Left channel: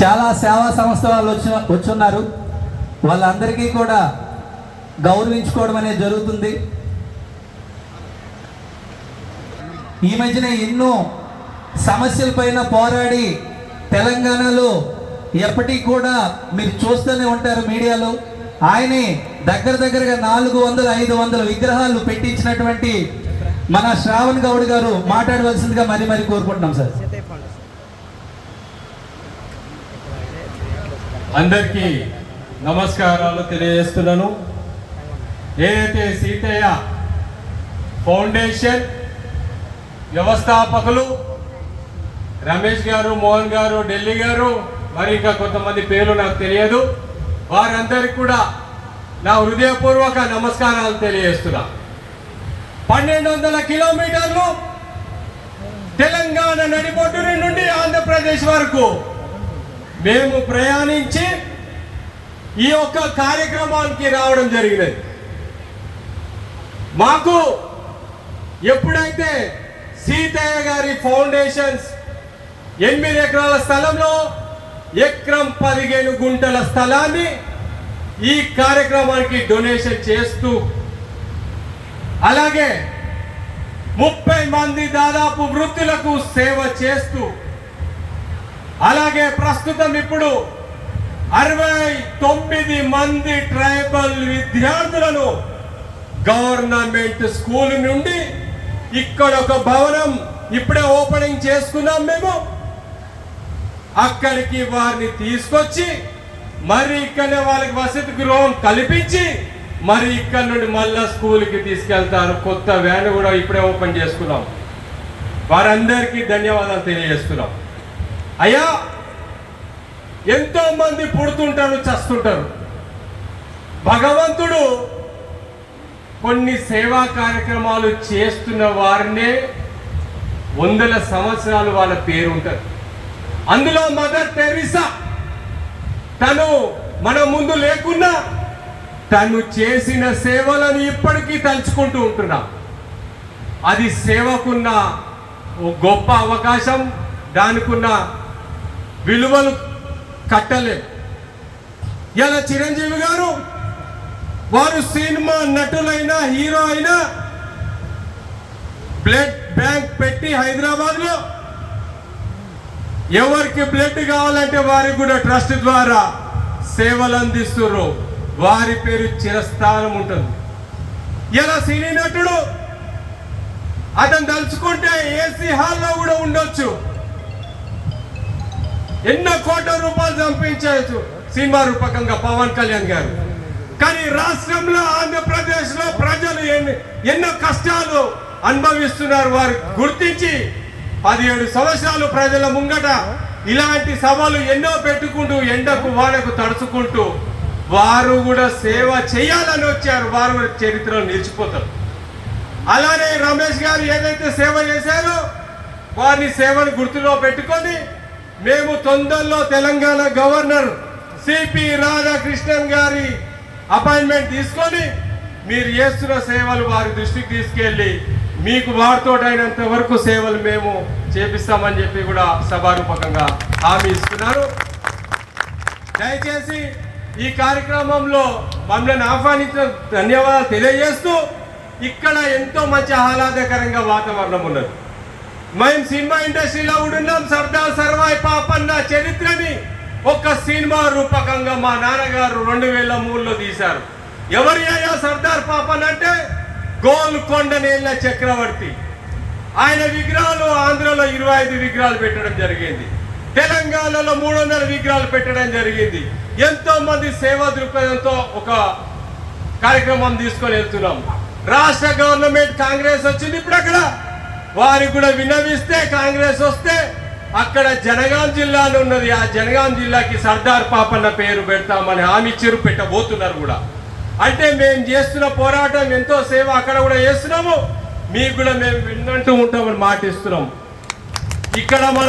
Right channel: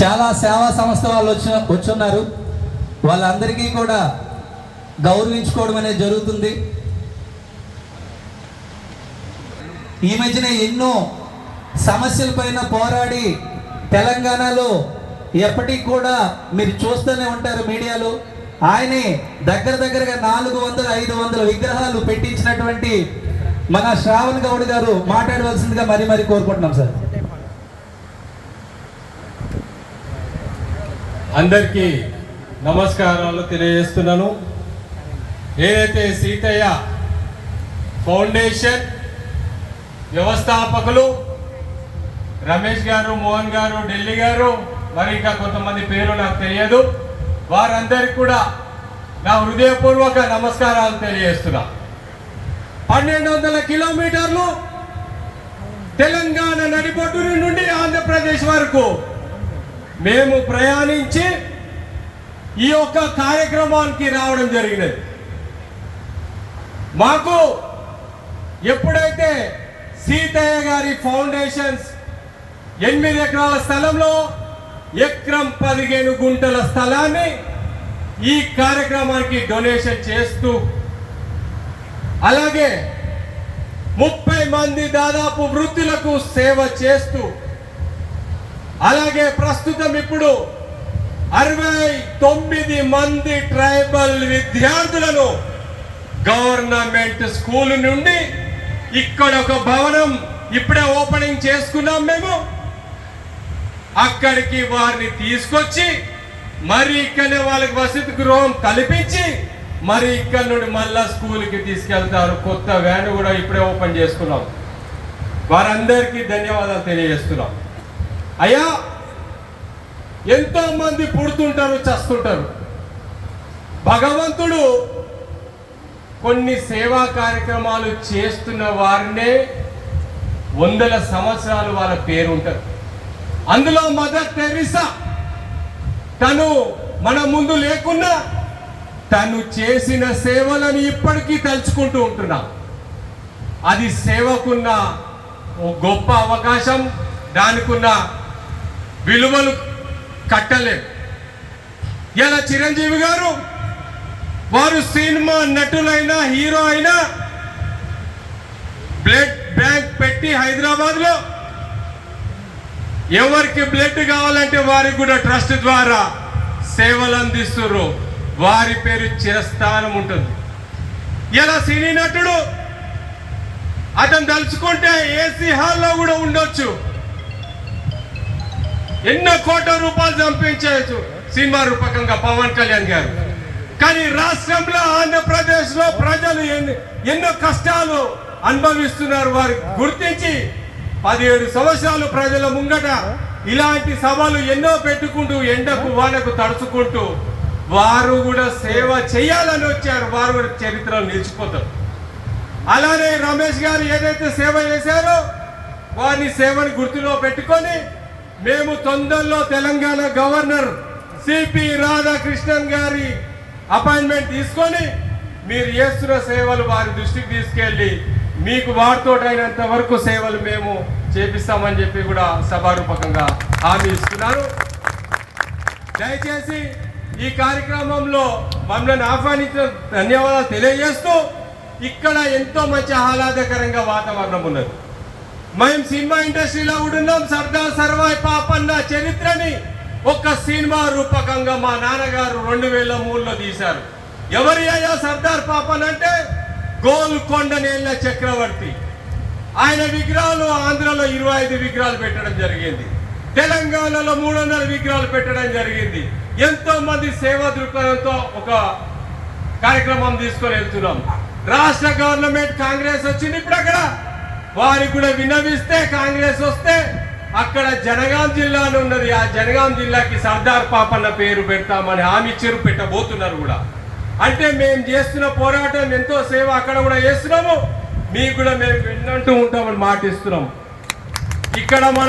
చాలా సేవా సంస్థల వాళ్ళు వచ్చున్నారు. వాళ్ళందరికీ కూడా గౌరవించుకోవడం అనేది జరుగుతుంది. ఈ మధ్యన ఎన్నో సమస్యల పైన పోరాడి తెలంగాణలో ఎప్పటికి కూడా మీరు చూస్తూనే ఉంటారు మీడియాలో. ఆయనే దగ్గర దగ్గరగా నాలుగు వందల ఐదు వందల విగ్రహాలు పెట్టించినటువంటి మన శ్రావణ్ గౌడ్ గారు మాట్లాడవలసిందిగా మరి మరి కోరుకుంటున్నాం సార్. అందరికీ నమస్కారాలు తెలియజేస్తున్నాను. ఏదైతే సీతయ్య ఫౌండేషన్ వ్యవస్థాపకులు రమేష్ గారు మోహన్ గారు ఢిల్లీ గారు మరి ఇంకా కొంతమంది పేర్లు నాకు తెలియదు. వారందరికి కూడా నా హృదయపూర్వక నమస్కారాలు తెలియజేస్తున్నా. పన్నెండు వందల కిలోమీటర్లు తెలంగాణ నడిబొడ్డు నుండి ఆంధ్రప్రదేశ్ వరకు మేము ప్రయాణించి ఈ యొక్క కార్యక్రమానికి రావడం జరిగినది. మాకు ఎప్పుడైతే సీతయ్య గారి ఫౌండేషన్స్ ఎనిమిది ఎకరాల స్థలంలో ఎకరం పదిహేను గుంటల స్థలాన్ని ఈ కార్యక్రమానికి డొనేషన్ చేస్తూ అలాగే ముప్పై మంది దాదాపు వృత్తులకు సేవ చేస్తూ అలాగే ప్రస్తుతం ఇప్పుడు అరవై తొమ్మిది మంది ట్రైబల్ విద్యార్థులను గవర్నమెంట్ స్కూల్ నుండి ఇక్కడ ఒక భవనం ఇప్పుడే ఓపెనింగ్ చేసుకున్నాం మేము. అక్కడికి వారిని తీసుకొచ్చి మరి ఇక్కడ వాళ్ళకి వసతి గృహం కల్పించి మరి ఇక్కడ నుండి మళ్ళా స్కూల్కి తీసుకెళ్తారు. కొత్త వ్యాన్ కూడా ఇప్పుడే ఓపెన్ చేసుకున్నాం. వారందరికీ ధన్యవాదాలు తెలియజేస్తున్నాం. అయ్యా ఎంతో మంది పుడుతుంటారు చస్తుంటారు. భగవంతుడు కొన్ని సేవా కార్యక్రమాలు చేస్తున్న వారినే వందల సంవత్సరాలు వాళ్ళ పేరు ఉంటుంది అందులో మదర్ టెరిసా తను మన ముందు లేకున్నా తను చేసిన సేవలను ఇప్పటికీ తలుచుకుంటూ ఉంటున్నాం. అది సేవకున్న గొప్ప అవకాశం దానికున్న విలువలు కట్టలేం ఇలా చిరంజీవి గారు? వారు సినిమా నటులైనా హీరో అయినా బ్లడ్ బ్యాంక్ పెట్టి హైదరాబాద్లో ఎవరికి బ్లడ్ కావాలంటే వారికి కూడా ట్రస్ట్ ద్వారా సేవలు అందిస్తున్నారు. వారి పేరు చిరస్థానం ఉంటుంది. ఇలా సినీ నటుడు? అతను తలుచుకుంటే ఏసీ హాల్లో కూడా ఉండొచ్చు. ఎన్నో కోట్ల రూపాయలు సంపించవచ్చు సినిమా రూపకంగా పవన్ కళ్యాణ్ గారు. కానీ రాష్ట్రంలో ఆంధ్రప్రదేశ్లో ప్రజలు ఎన్నో కష్టాలు అనుభవిస్తున్నారు వారు. గుర్తించి పదిహేడు సంవత్సరాలు ప్రజల ముంగట ఇలాంటి సభలు ఎన్నో పెట్టుకుంటూ ఎండకు వానకు తడుచుకుంటూ వారు కూడా సేవ చేయాలని వచ్చారు. వారు చరిత్రలో నిలిచిపోతారు. అలానే రమేష్ గారు ఏదైతే సేవ చేశారో వారి సేవను గుర్తులో పెట్టుకొని మేము తొందరలో తెలంగాణ గవర్నర్ సిపి రాధాకృష్ణన్ గారి అపాయింట్మెంట్ తీసుకొని మీరు చేస్తున్న సేవలు వారి దృష్టికి తీసుకెళ్ళి మీకు వారితోటైనంత వరకు సేవలు మేము చేపిస్తామని చెప్పి కూడా సభారూపకంగా హామీ ఇస్తున్నారు. దయచేసి ఈ కార్యక్రమంలో మమ్మల్ని ఆహ్వానించిన ధన్యవాదాలు తెలియజేస్తూ ఇక్కడ ఎంతో మంచి ఆహ్లాదకరంగా వాతావరణం ఉన్నది. మేము సినిమా ఇండస్ట్రీలో ఉన్నాం సర్దార్ ఒక సినిమా రూపకంగా మా నాన్నగారు రెండు వేల మూడులో తీశారు. ఎవరి అయ్యా సర్దార్ పాపన్ అంటే గోల్కొండ నేల చక్రవర్తి. ఆయన విగ్రహాలు ఆంధ్రలో ఇరవై ఐదు విగ్రహాలు పెట్టడం జరిగింది. తెలంగాణలో మూడు వందల విగ్రహాలు పెట్టడం జరిగింది. ఎంతో మంది సేవా దృక్పథంతో ఒక కార్యక్రమం తీసుకొని వెళ్తున్నాం రాష్ట్ర గవర్నమెంట్ కాంగ్రెస్ వచ్చింది ఇప్పుడు అక్కడ. వారికి కూడా విన్నవిస్తే కాంగ్రెస్ వస్తే అక్కడ జనగాం జిల్లా ఉన్నది. ఆ జనగాం జిల్లాకి సర్దార్ పాపన్న పేరు పెడతామని హామీ ఇచ్చారు పెట్టబోతున్నారు కూడా. అంటే మేము చేస్తున్న పోరాటం ఎంతో సేవ అక్కడ కూడా చేస్తున్నాము. మీకు కూడా మేము విన్నట్టు ఉంటామని మాటిస్తున్నాం. ఇక్కడ